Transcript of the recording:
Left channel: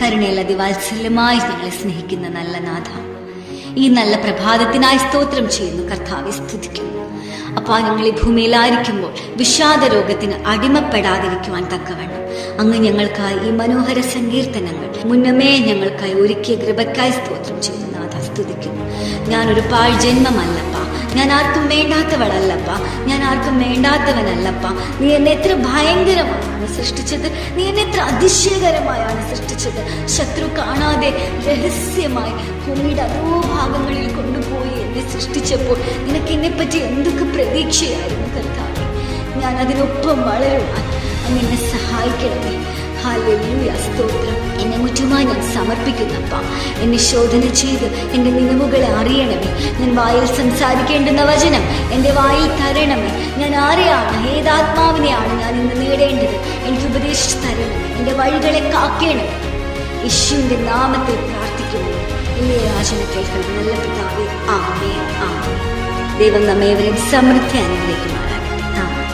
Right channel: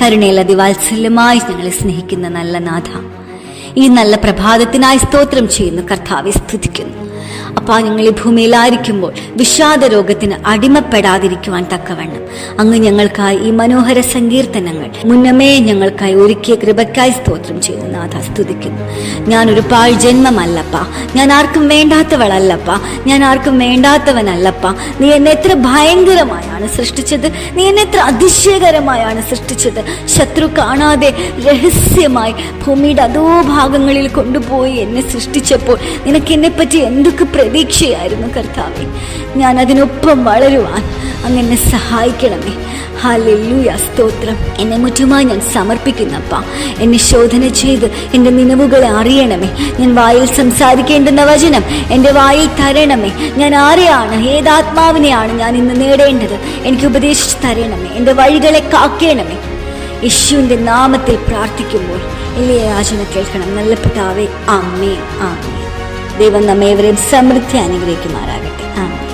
കരുണയിൽ അതിവാത്സല്യമായി ഞങ്ങളെ സ്നേഹിക്കുന്ന നല്ല നാഥ, ഈ നല്ല പ്രഭാതത്തിനായി സ്തോത്രം ചെയ്യുന്നു. കർത്താവെ സ്തുതിക്കുന്നു. അപ്പാ, ഞങ്ങൾ ഈ ഭൂമിയിലായിരിക്കുമ്പോൾ വിഷാദ രോഗത്തിന് അടിമപ്പെടാതിരിക്കുവാൻ തക്കവണ്ണം അങ്ങ് ഞങ്ങൾക്കായി ഈ മനോഹര സങ്കീർത്തനങ്ങൾ മുന്നമേ ഞങ്ങൾക്കായി ഒരുക്കിയ കൃപയ്ക്കായി സ്തോത്രം ചെയ്യുന്നു. നാഥ സ്തുതിക്കുന്നു. ഞാനൊരു പാഴ് ജന്മമല്ലപ്പാ, ഞാൻ ആർക്കും വേണ്ടാത്തവളല്ലപ്പാ, ഞാൻ ആർക്കും വേണ്ടാത്തവനല്ലപ്പാ. നീ എന്നെ എത്ര ഭയങ്കരമായാണ് സൃഷ്ടിച്ചത്, നീ എന്നെ എത്ര അതിശയകരമായാണ് സൃഷ്ടിച്ചത്. ശത്രു കാണാതെ രഹസ്യമായി ഭൂമിയുടെ അതോ ഭാഗങ്ങളിൽ കൊണ്ടുപോയി എന്നെ സൃഷ്ടിച്ചപ്പോൾ നിനക്ക് എന്നെ പറ്റി എന്തൊക്കെ പ്രതീക്ഷയായിരുന്നു കർത്താവേ. ഞാൻ അതിനൊപ്പം വളരുവാൻ അങ്ങ് എന്നെ സഹായിക്കണമേ. ഹല്ലേലൂയ, സ്തോത്രം. എന്നെ മുറ്റുമായി ഞാൻ സമർപ്പിക്കുന്നപ്പാ. എന്നെ ശോധന ചെയ്ത് എൻ്റെ നിലവുകളെ അറിയണമേ. ഞാൻ വായിൽ സംസാരിക്കേണ്ടുന്ന വചനം എൻ്റെ വായിൽ തരണമേ. ഞാൻ ആരെയാണ്, ഏതാത്മാവിനെയാണ് ഞാൻ ഇന്ന് നേടേണ്ടത്, എനിക്ക് ഉപദേശിച്ച് തരണമേ. എൻ്റെ വഴികളെ കാക്കേണമേ. യേശുവിൻ്റെ നാമത്തിൽ പ്രാർത്ഥിക്കുമ്പോൾ എളിയ യാചന കേൾക്കണം നല്ല പിതാവേ. ആമേൻ, ആമേൻ. ദൈവം നമ്മേവരെയും സമൃദ്ധി അനുഗ്രഹിക്കുമാറാകട്ടെ. ആമേൻ.